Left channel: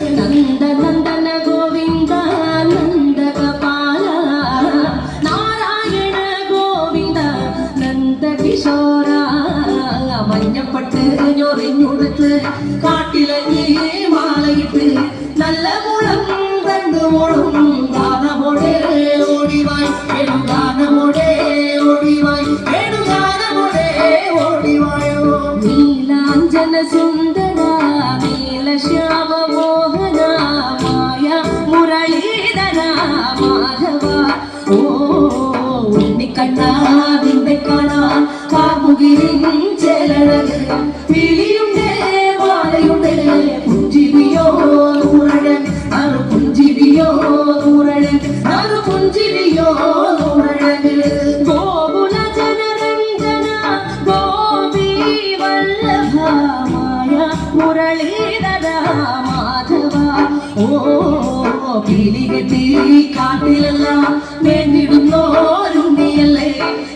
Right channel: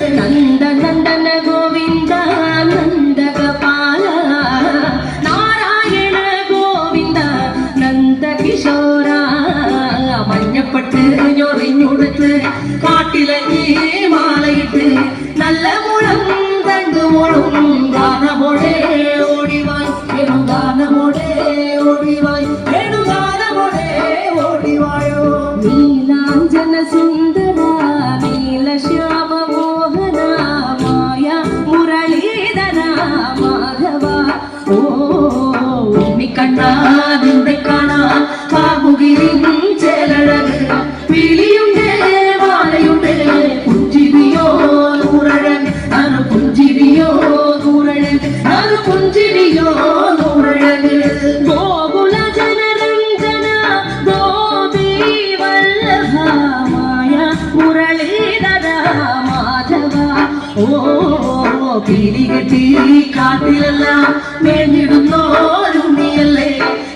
നന്ദ നന്ദന ഗോവിന്ദ നന്ദഗോപാല നാരായണ ഗോവിന്ദ നന്ദകിശോര മഞ്ഞപ്പെട്ട് ഞൊറിഞ്ഞുടുത്ത് കാട്ടിലങ്ങി മാലയിട്ട് നല്ല മുളം തണ്ടുമോളും ഗാനമോടെ ഓടിവായി ഗാനമോടെ ഓടിവായി ഗാനമോടെ ഓടിവായോ നീലാഞ്ജന സുന്ദര നീലശ്യാമ മോഹന മായ മുരളീധര മാധവ ഓ ഉണ്ണിക്കണ്ണാ നിന്നെ കാണാൻ കാമുകിലിൻ ചേലഴക് വിളിയുണ്ട് മാലയുണ്ട് പുഞ്ചിരിയോ നൂറഴക് അത് പുഞ്ചിരിയോ നൂറഴക് അത് പുഞ്ചിരിയോ നൂറഴക് ഗോകുല ജനരഞ്ജന ഗോപി വല്ലഭ മായ മുരളീധര മാധവ ഓ പിരികെട്ടി കാട്ടിലെല്ലാം മേഞ്ഞിടുന്നോരുണ്ണിയല്ലേ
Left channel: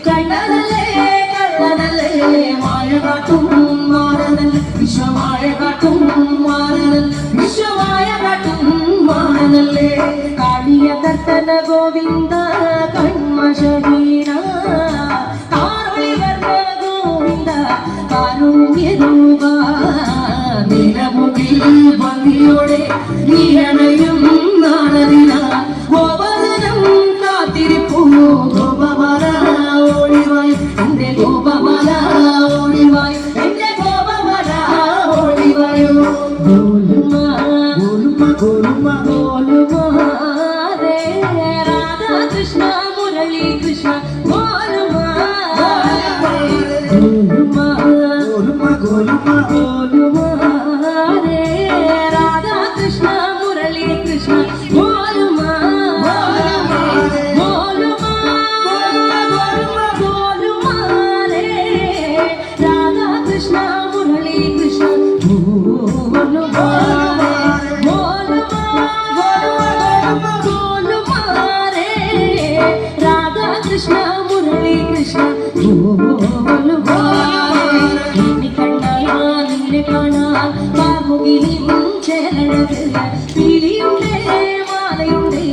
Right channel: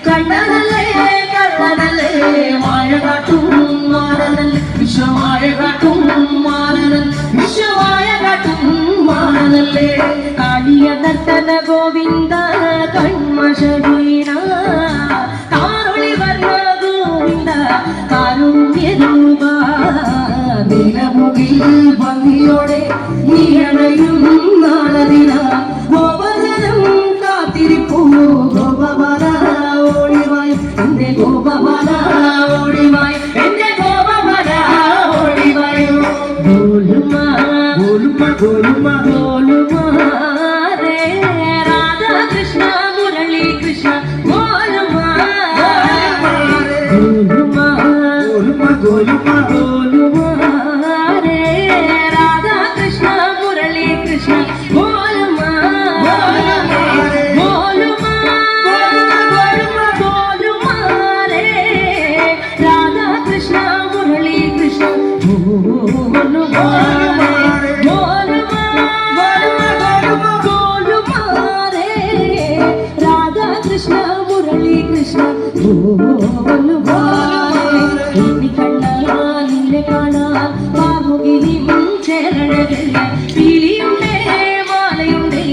കണ്ണനല്ലേ കള്ളനല്ലേ മായ കാട്ടും മാറനല്ലേ വിശ്വമായ കാട്ടും മാറനൽ വിശ്വമായ കാട്ടും മാറനല്ലേ കാളിയ നർത്തന ഗോവിന്ദ കൺമശരീര കാരുളി വർണ്ണ ഗോവിന്ദ കാരുണ്യരൂപ നിലമുകിൽ ഭംഗിയോടെ നീയണയും നാളതിന ഗോപജനം കാത്തിരിപ്പൂ ഗോപമാല ഓടിവായി എന്റെ ഗോപമാല ഓടിവായി എന്റെ ഗോപമാല ഓടിവായോ ഗോലുമ ഗോലുമ ഗോലുമ ഗോലുമ രേ രാധാ കൃഷ്ണ മുരളി കൃഷ്ണ ഗോലുമ ഗോലുമ ഗോലുമ ഗോലുമ ഗോലുമ രേ രാധാ കൃഷ്ണ മുരളി കൃഷ്ണ ഗോലുമ ഗോലുമ ഗോലുമ രേ രാധാ കൃഷ്ണ മുരളി കൃഷ്ണ ഗോലുമ കൃഷ്ണ മുരളി കൃഷ്ണ എണ്ണിക്കണ്ണാലെ കാണാൻ കാമുകിലിൻ ചേലഴക് പിരിയുണ്ടേ മാലയുണ്ടേ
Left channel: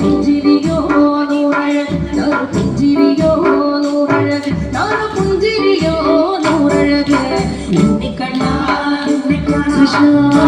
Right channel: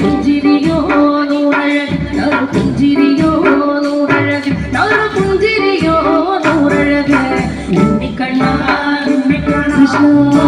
പുഞ്ചിരിയോ നൂറഴക് പുഞ്ചിരിയോ നൂറഴക് പുഞ്ചിരിയോ നൂറഴക് എണ്ണിക്കണ്ണ കൃഷ്ണ